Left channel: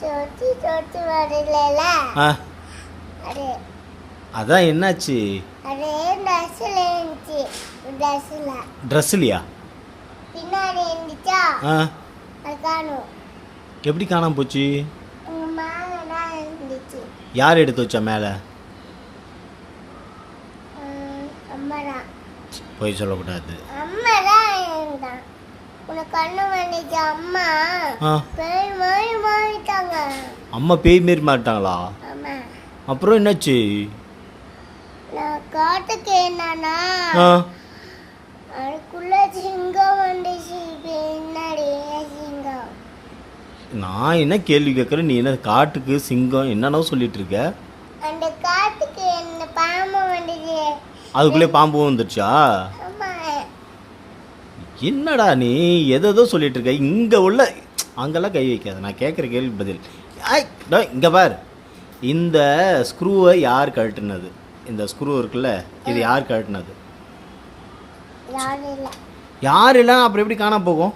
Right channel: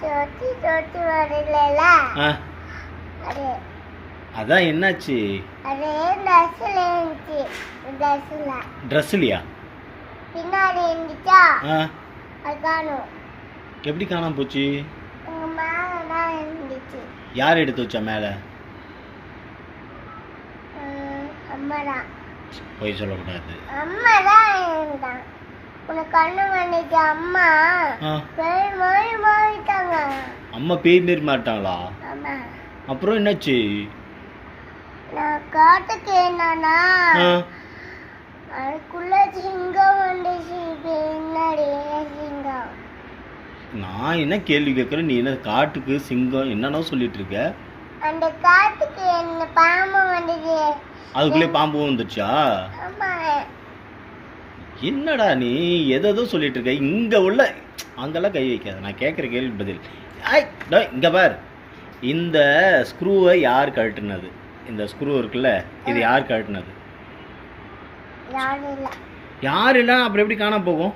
சொத்தி சொத்தி வரல. அதான் என்னாச்சு? அது ட்ரெஸ்ல இருந்துச்சு. ட்ரெஸ்லையா? பின்னாடி இருந்துச்சா? அது காணும். எப்படி காணாம போச்சு? மேலே தான் இருந்துச்சு. யார் எடுத்து வச்சா மேலே? அம்மா தான். போய் சொல்லக்கூடாது. அம்மா தான் இருந்தான். உனக்கு கண்ணு வந்துச்சு. அம்மா பேய் மாதிரி மாறிட்டாங்க. அம்மா பேய் மாரி மாட்டாங்களா? ஆமா. அப்புறம் என்னாச்சு? நான் காட்டுக்கு என்னன்னா அதுக்குள்ள சிங்கம் வந்துச்சு. பின்னாடி சிங்கம். நான் என்ன கேள்வி கேட்குறேன், நீ என்ன காட்டுக்கு சிங்கம் என்னன்னா சொல்லிட்டு இருக்க? அந்த காட்டுக்கு என்ன பாம்பு வந்துச்சு. அதுக்குள்ளே பாம்பு வந்துருச்சா? ஆமா. என்னடா நீ எதோ சொல்லிட்டு இருக்க? இங்கே உள்ள அங்கெல்லாம் கை வைக்காது. நான் கேட்குற கேள்வி பதில். இங்கே பார், இந்த ஸ்க்ரூவை யார் கழட்டுனது? இந்த ஸ்க்ரூ இருக்குல்ல, இது யார் கழட்டுனது? யாரும் இல்லை. யார் இல்லை, அப்புறம் எப்படி காணாம போகும்?